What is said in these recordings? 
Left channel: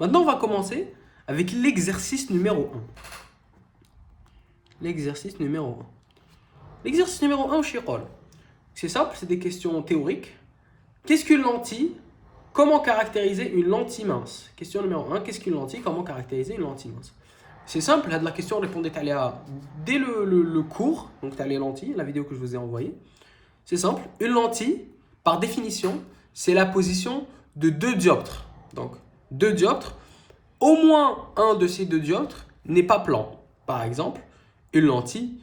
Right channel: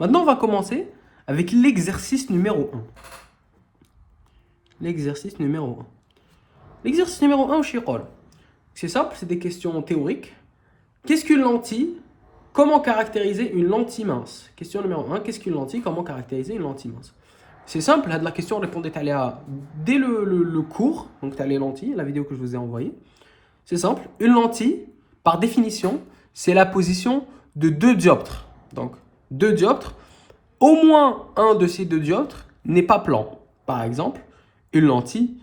Maintenant, on va commencer avec l'exercice numéro un. L'exercice numéro un. L'exercice numéro un, c'est simple, c'est des questions théoriques. Qu'est-ce qu'une lentille? Comment caractériser une lentille mince? Question numéro un, qu'est-ce qu'une lentille? Comment caractériser une lentille mince? C'est simple, là, de la question, répondez dès le cours, donc tu as les lentilles, la vidéo que je vous ai envoyée. C'est simple, une lentille, par définition, c'est la position de deux dioptres. Donc, deux dioptres, au moins un de ces deux dioptres n'est pas plan. Par exemple, une lentille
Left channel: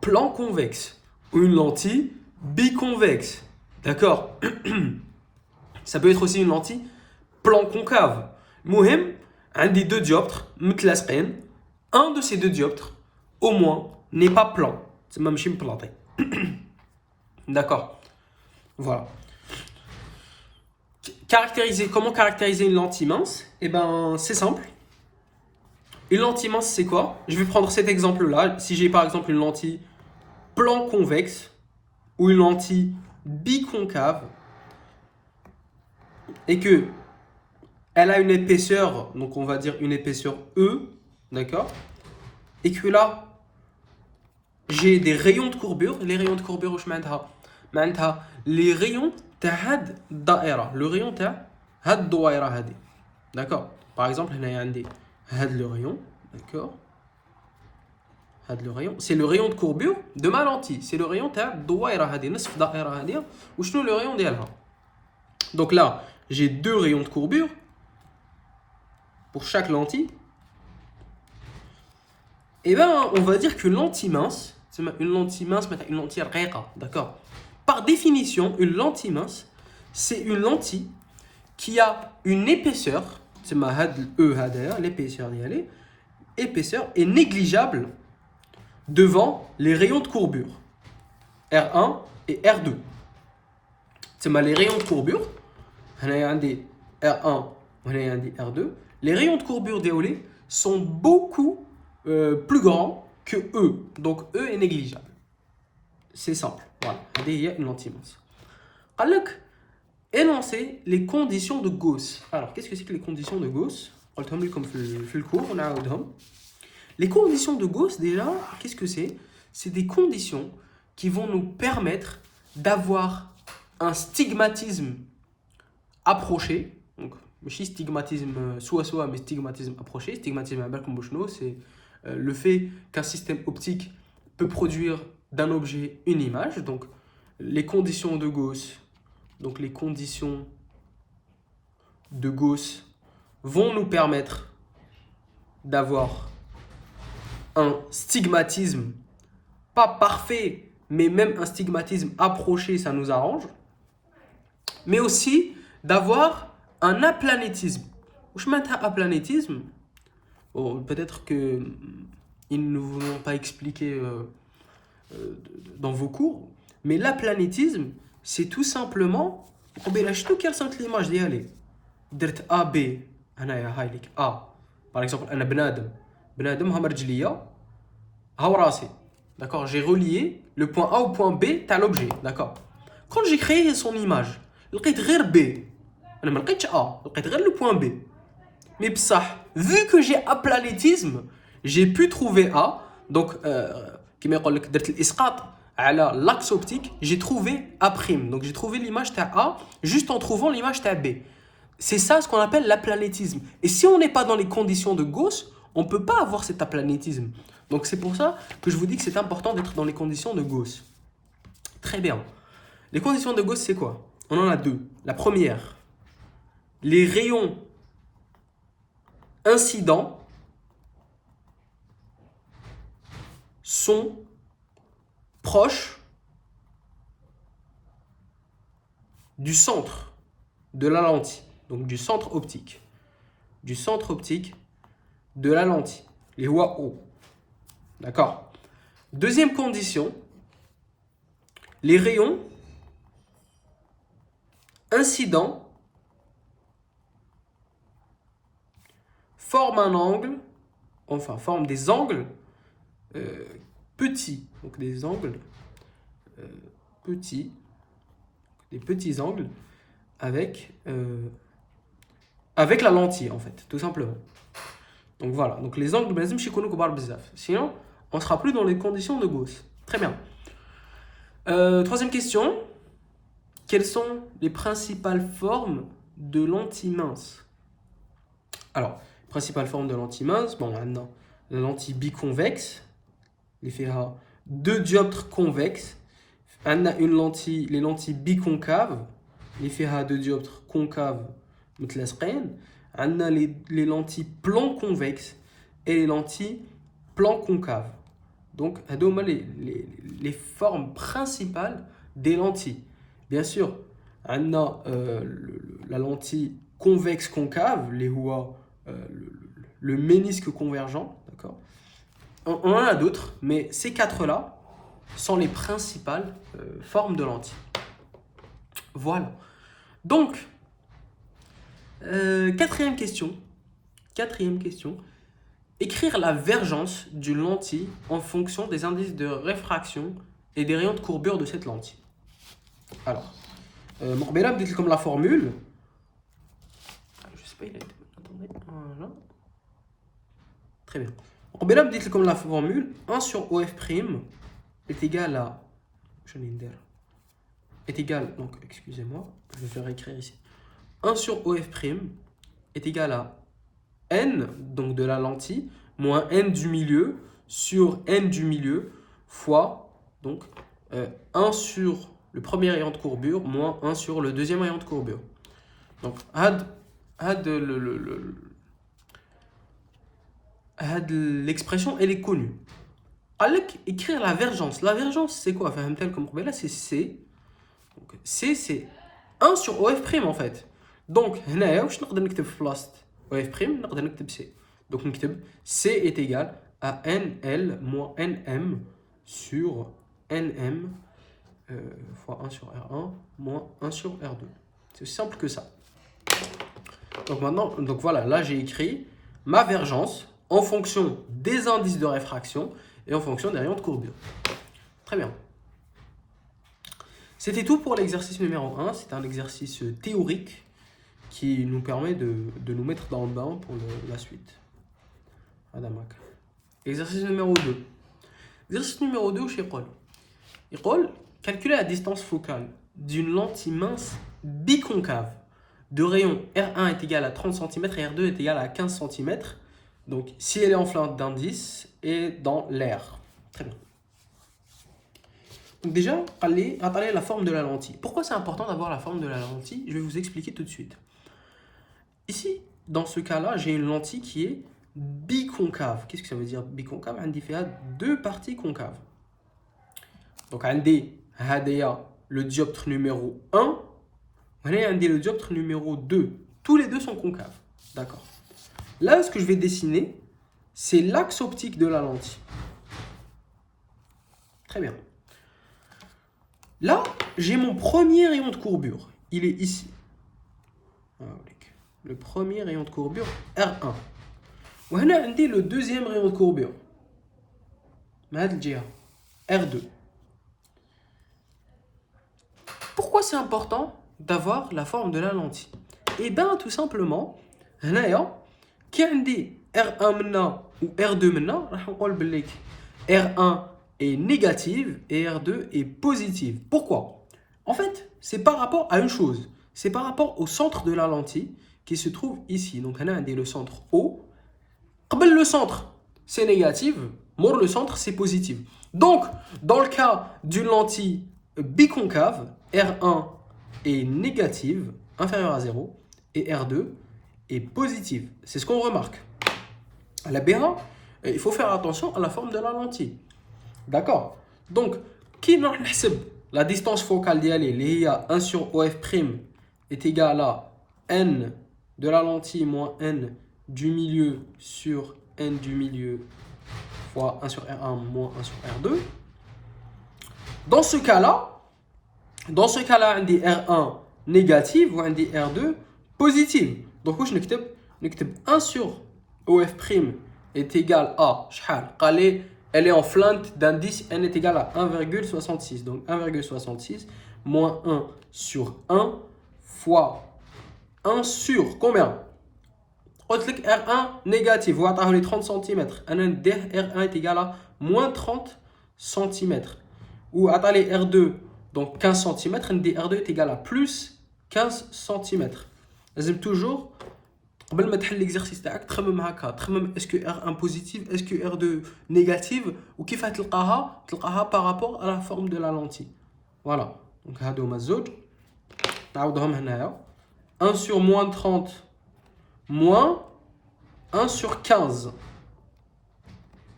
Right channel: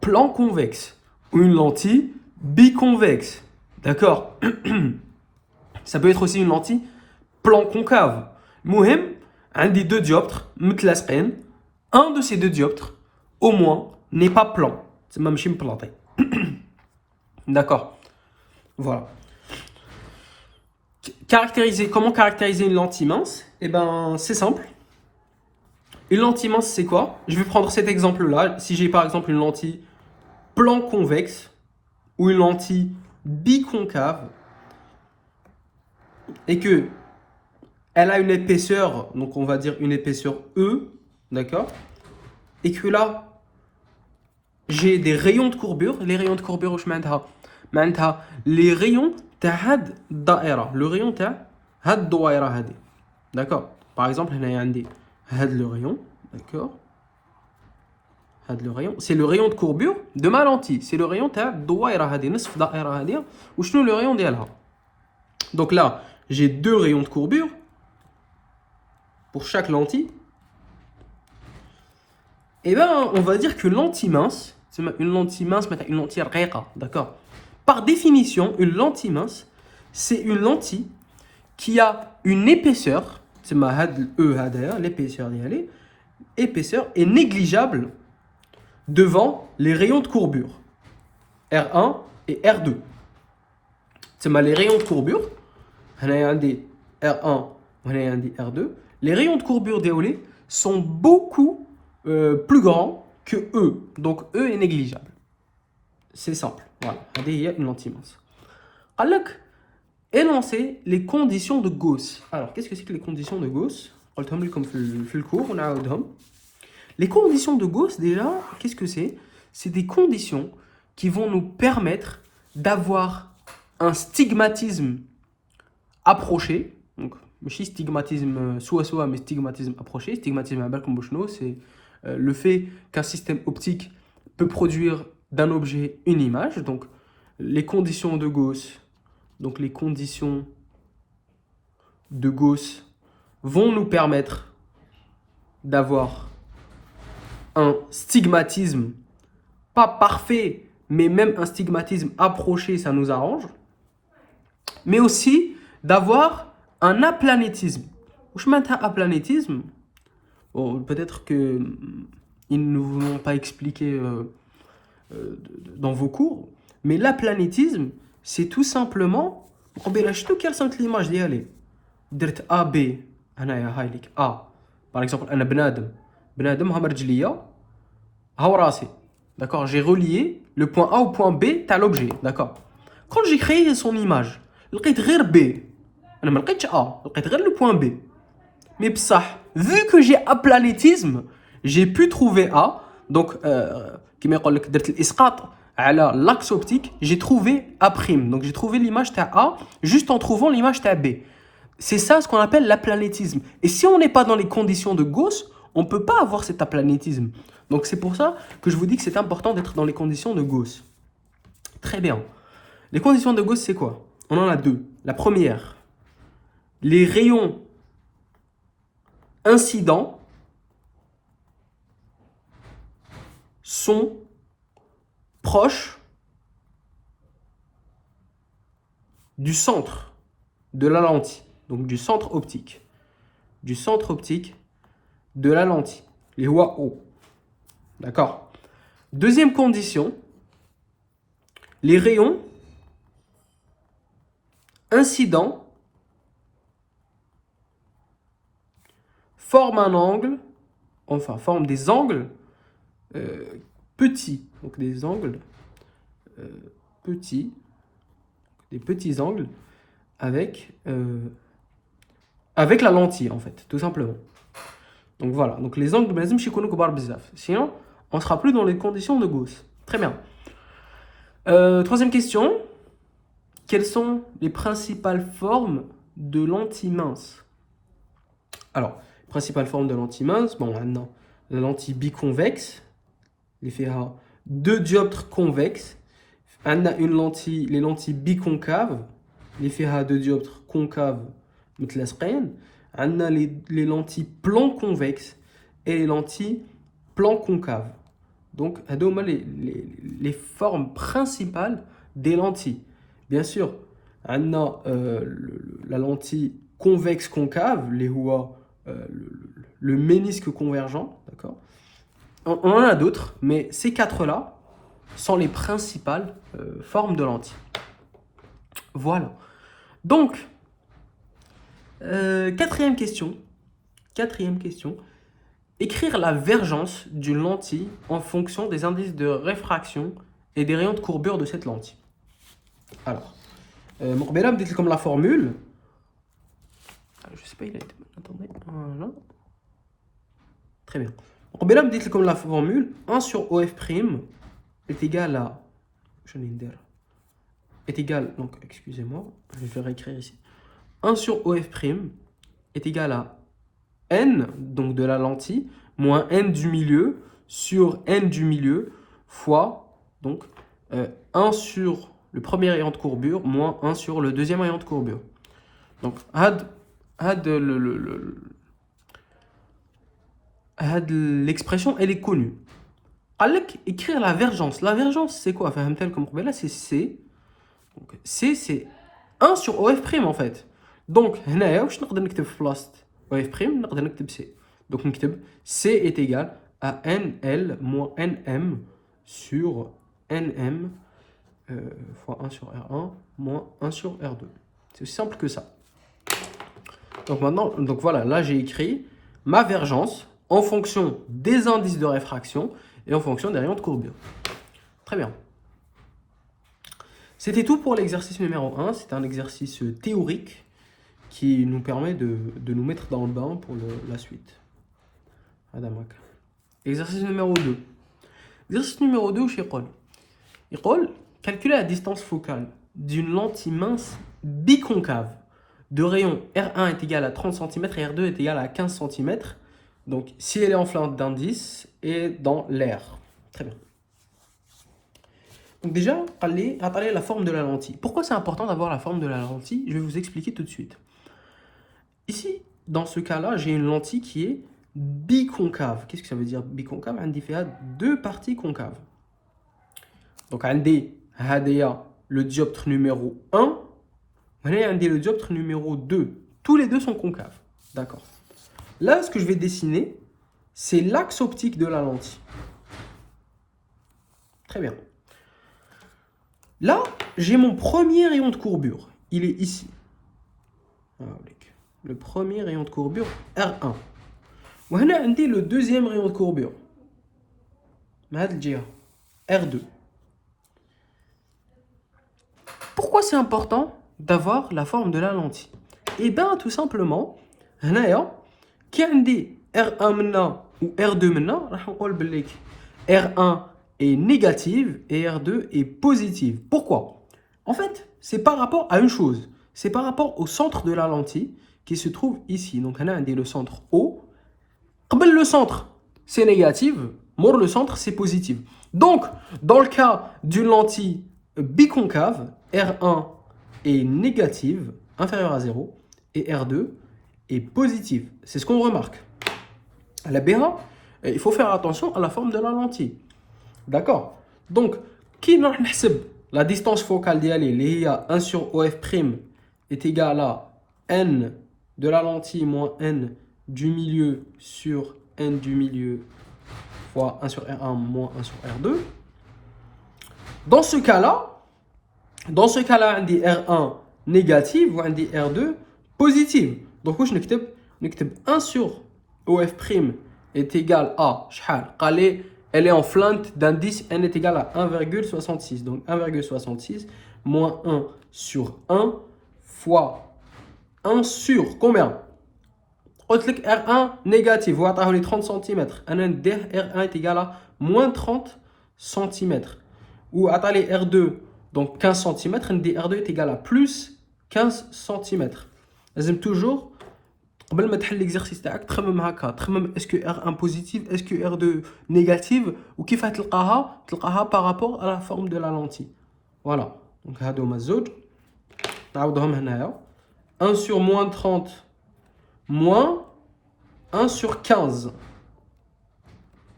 plan convexe ou une lentille biconvexe. D'accord? Ça peut être aussi une lentille plan concave. Mouhem, un des deux dioptres, mutlasqen, un de ces deux dioptres, au moins, n'est pas plan. C'est ma machine plantée. D'accord? Voilà. Comment caractériser une lentille mince? Eh ben, c'est simple. Une lentille mince, c'est quoi? Je vais prendre cet exemple-là. Si j'ai par exemple une lentille plan convexe ou une lentille biconcave et que elle a une épaisseur, donc on va dire une épaisseur E, d'accord? Et que là, j'ai des rayons de courbure. Les rayons de courbure, je m'entends. Les rayons de had daïra. Le rayon de had daïra hadi. D'accord? Par exemple, il y a le rayon, d'accord? C'est le rayon de courbure de ma lentille. C'est le rayon de daïra hadi. Nisf daïra hadi. Ou je le rayon d'elle. Donc là, j'ai deux rayons de courbure pour chaque lentille. Et bien, on va dire qu'une lentille mince, c'est une lentille raqa, d'accord? Par définition, une lentille mince, c'est une lentille qui a une épaisseur, c'est ma l'épaisseur épaisseur est négligeable devant les rayons de courbure R1 et R2. C'est les rayons de courbure, on a un des R1, on a un des R2. Les rayons de courbure déolés sont beaucoup plus grand que E. Donc E est négligeable. C'est simple. Voilà. Il y a une lentille mince. Alors, énoncer les conditions de Gauss. Alors, qu'est-ce que c'est que les conditions de Gauss? Comme le cours, on a les conditions de Gauss, déjà, qu'est-ce que c'est? C'est des conditions qui vont nous permettre d'avoir un stigmatisme approché. Donc, stigmatisme soit, mais stigmatisme approché. Stigmatisme à c'est le fait qu'un système optique peut produire d'un objet une image. Donc, les conditions de Gauss, vont nous permettre d'avoir un stigmatisme, pas parfait, mais même un stigmatisme approché, ça nous arrange. Mais aussi d'avoir un aplanétisme. Je mets un aplanétisme. Bon, peut-être qu'ils ne vous l'ont pas expliqué dans vos cours, mais l'aplanétisme, c'est tout simplement quelle sont les images d'y درت A B هنايا هاي ليك A par exemple انا بنادم ها رجليا ها راسي d'accord, j'ai relié le point A au point B تاع l'objet, d'accord. Quand j'ai créé son image لقيت غير B, انا ما لقيتش A, لقيت غير le point B. Mais بصح vu que j'ai aplanétisme, j'ai pu trouver A. Donc كيما يقول لك درت الاسقاط على l'axe optique, j'ai trouvé A'. Donc j'ai trouvé l'image تاع A juste en trouvant l'image تاع B. C'est ça ce qu'on appelle l'aplanétisme. Et si on n'est pas dans les conditions de Gauss, on ne peut pas avoir cet aplanétisme. Donc c'est pour ça que je vous dis que c'est important d'être dans les conditions de Gauss. Très bien. Les conditions de Gauss, c'est quoi? On en a deux. La première, les rayons incidents sont proches du centre de la lentille. Donc du centre optique. Du centre optique de la lentille. Les voies O. D'accord. Deuxième condition, les rayons incidents forment un angle, forment des angles petits. Donc des angles petits, des petits angles avec avec la lentille, en fait, tout simplement. Donc voilà, donc les angles, lazim يكونوا كبار بزاف. Sinon, on ne sera plus dans les conditions de Gauss. Très bien. Troisième question. Quelles sont les principales formes de lentille mince? Alors, principale forme de lentille mince, bon, on a la lentille biconvexe, les FEA, deux dioptres convexes, on a les lentilles biconcaves, les FEA deux dioptres concaves, on a les lentilles plan convexes et les lentilles plan concaves. Donc, les formes principales des lentilles. Bien sûr, on a la lentille convexe concave, le ménisque convergent, d'accord. On en a d'autres, mais ces quatre-là sont les principales formes de lentilles. Voilà. Donc, quatrième question. Écrire la vergence d'une lentille en fonction des indices de réfraction et des rayons de courbure de cette lentille. Alors, Morbella me dit comme la formule. Je sais pas, il a été. Attendez. Voilà. Très bien. Morbella me dit comme la formule 1 sur OF' est égal à. Est égal. Donc, excusez-moi, je vais faire écrire ici. 1 sur OF' est égal à n, donc de la lentille, moins n du milieu sur n du milieu fois donc 1 sur le premier rayon de courbure moins 1 sur le deuxième rayon de courbure. Donc, l'expression, elle est connue. Avec écrire la vergence. La vergence, c'est quoi? Comme là, c'est C. Donc, C, c'est 1 sur OF' en fait. Donc, je نقدر نكتب في بلاصة OF' نقدر نكتب C. Donc, نكتب C est égal à NL moins NM sur NM fois 1 sur R1 moins 1 sur R2. C'est aussi simple que ça. Donc maintenant, donc voilà, là j'ai écrit ma vergence en fonction des indices de réfraction et en fonction des rayons de courbure. Très bien. C'était tout pour l'exercice numéro 1. C'est un exercice théorique qui nous permet de nous mettre dans le bain pour la suite. Exercice numéro 2. Exercice numéro 2, il dit calculer la distance focale d'une lentille mince biconcave de rayon R1 est égal à 30 cm et R2 est égal à 15 cm. Donc, si elle est en flanc d'indice et dans l'air. Très bien. Donc déjà, parler la forme de la lentille. Pourquoi c'est important d'avoir la forme de la lentille? Je vais vous expliquer tout de suite. Ici, dans ce cas-là, j'ai une lentille qui est biconcave. Qu'est-ce que ça veut dire biconcave? On dit deux parties concaves. Donc, on dit le dioptre numéro 1, on dit le dioptre numéro 2. Tous les deux sont concaves. D'accord. Là, ce que je vais dessiner, c'est l'axe optique de la lentille. Très bien. Là, j'ai mon premier rayon de courbure. Il est ici. Le premier rayon de courbure, R1. On a le deuxième rayon de courbure. R2. Pourquoi c'est important d'avoir la forme de la lentille? Eh bien, tout simplement, qui a R1 ou R2 R1 est négative et R2 est positive. Pourquoi? En fait, c'est par rapport à une chose. C'est par rapport au centre de la lentille qui se trouve ici. Donc, on a le centre O. Le centre, c'est négatif. Le centre, c'est positif. Donc, dans le cas d'une lentille biconcave, R1 est négative, inférieure à 0, et R2 est positive. C'est ce qu'on remarque. La BA, il faut faire attention à la forme de la lentille. D'accord? Donc, qui la distance focale d'IA, 1 sur OF' est égal à N de la lentille moins N du milieu sur N du milieu fois 1 sur R1 moins 1 sur R2. Dans ce cas-là, on dit R1 négative ou on dit R2 positive. Donc, je vais 1 sur OF' est égal à elle est en flanque d'indice n est égal à 1,66. Donc 1,66 moins 1 sur 1 fois 1 sur combien? قلت لك R1 négatif وعطاه لي 30 cm انا نديه R1 est égal à moins 30 cm وعطى لي R2 donc 15 cm ندي R2 est égal à plus 15 cm. لازم toujours قبل ما تحل l'exercice تاعك تخمم هكا، تخمم اسكو R1 بوزيتيف اسكو R2 نيجاتيف وكيف تلقاها par rapport à la forme de la lentille. Voilà. Donc هادو هما الزوج نعاودهم هنايا 1 sur moins 30 moins 1 sur 15.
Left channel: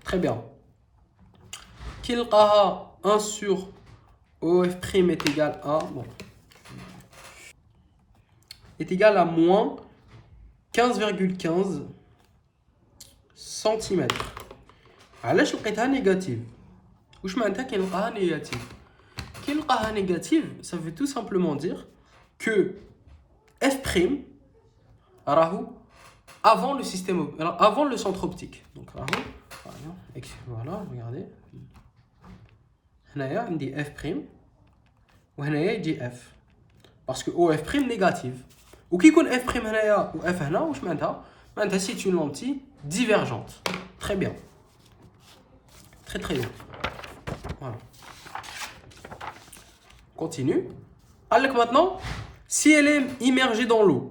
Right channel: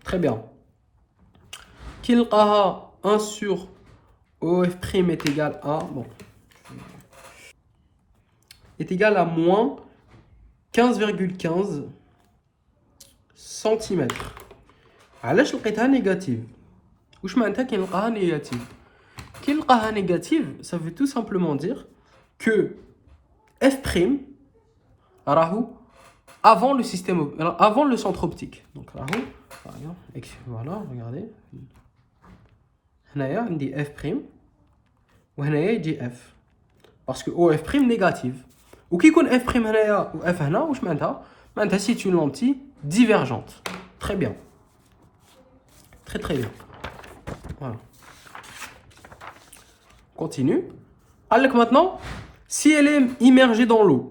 Très bien. Qui نلقاها 1 sur OF' est égal à bon, est égal à moins 15,15 cm. علاش لقيتها نيجاتيف؟ واش معناتها كي نلقاها نيجاتيف؟ كي نلقاها نيجاتيف ça veut tout simplement dire que F' راهو avant le système, avant le centre optique. Donc voilà, regardez. هنايا عندي F' وهنايا يجي F parce que OF' négatif. وكي يكون F' هنايا و F هنا واش معناتها؟ معناتها c'est une lentille divergente. Très bien. Très très bien. Voilà. Continue. Alors maintenant, si elle est immergée dans l'eau,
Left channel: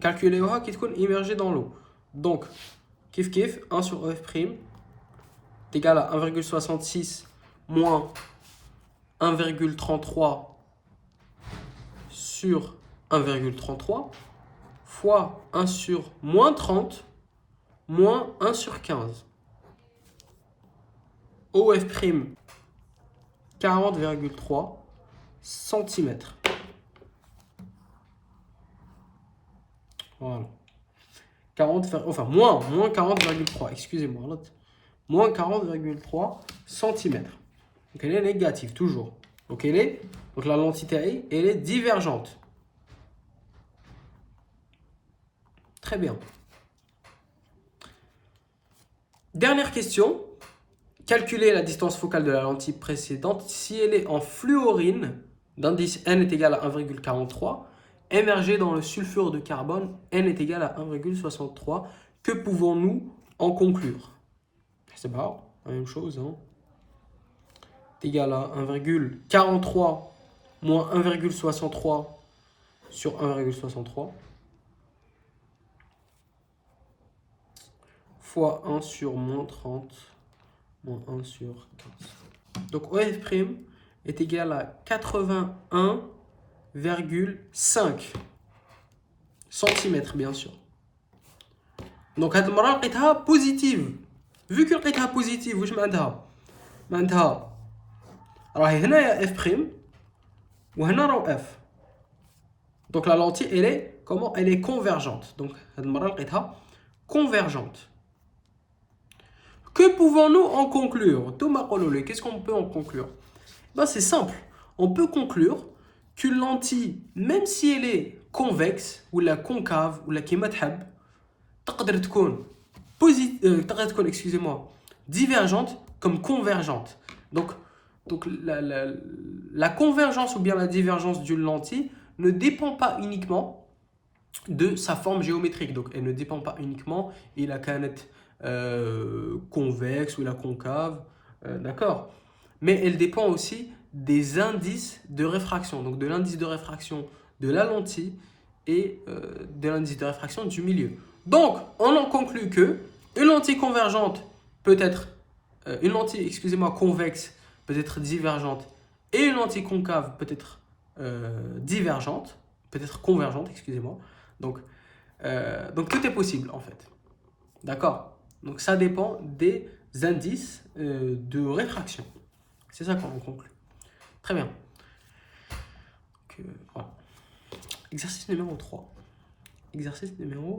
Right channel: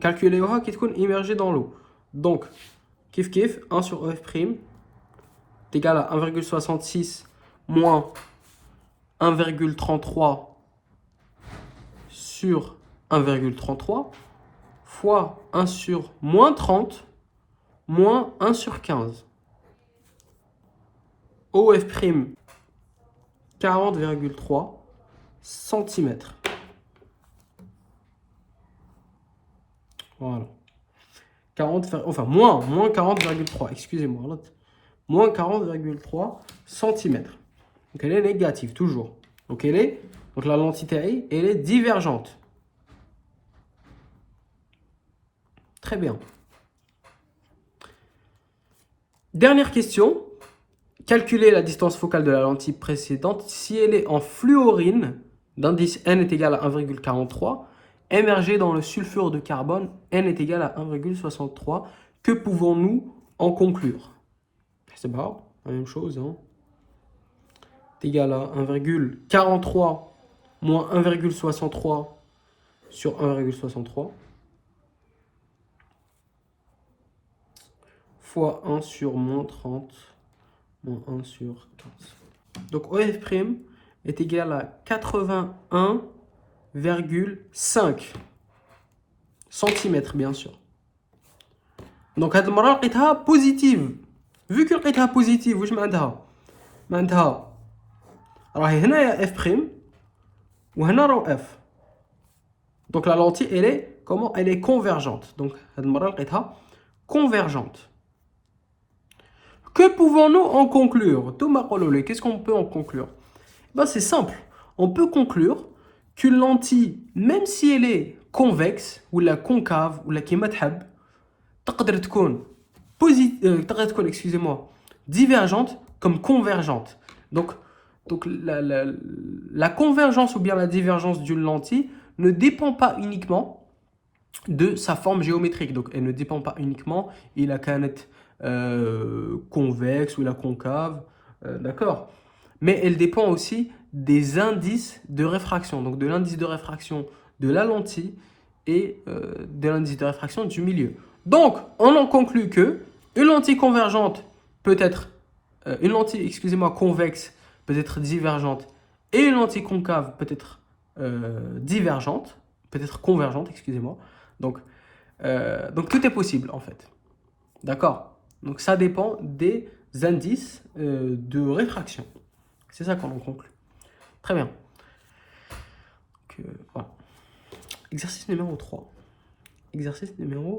calculez-moi qui est immergée dans l'eau. Donc, kiff kiff, 1 sur F' est égal à 1,66 moins 1,33 sur 1,33 fois 1 sur moins 30 moins 1 sur 15. OF' 40,3 cm. Voilà. 40, enfin moins 40,3, excusez-moi. Moins 40,3 cm. Donc elle est négative, toujours. Donc la lentille, elle est divergente. Très bien. Dernière question. Calculer la distance focale de la lentille précédente si elle est en fluorine, d'indice n est égal à 1,43, émergée dans le sulfure de carbone, n est égal à 1,63. Que pouvons-nous en conclure? C'est pas la même chose. Hein. C'est égal à 1,43 moins 1,63 sur 1,63 fois 1 sur moins 30 moins 1 sur 15. Donc OF' est égal à 81,5 cm bien sûr. Donc هاد المرة لقيتها بوزيتيف. Vu que لقيتها بوزيتيف واش معناتها راهي هنايا F' وهنا راهو F. Donc la lentille elle est comment? Elle est convergente. Donc هاد المرة لقيتها convergente. Que pouvons-nous en conclure? Thomas Cololé, qu'est-ce qu'on peut en conclure? Ben, c'est simple. On peut conclure qu'une lentille, même si elle est convexe, ou la concave, ou la kimathab, تقدر تكون excusez-moi, divergente comme convergente. Donc la convergence ou bien la divergence d'une lentille ne dépend pas uniquement de sa forme géométrique. Donc elle ne dépend pas uniquement il a كانت convexe ou la concave, d'accord, mais elle dépend aussi des indices de réfraction, donc de l'indice de réfraction de la lentille et de l'indice de réfraction du milieu. Donc on en conclut que une lentille convergente peut être une lentille, excusez-moi, convexe peut être divergente et une lentille concave peut être divergente, peut être convergente, excusez-moi. Donc tout est possible en fait, d'accord. Donc ça dépend des indices de réfraction. C'est ça qu'on conclut. Très bien. Donc, voilà. Exercice numéro 3. Exercice numéro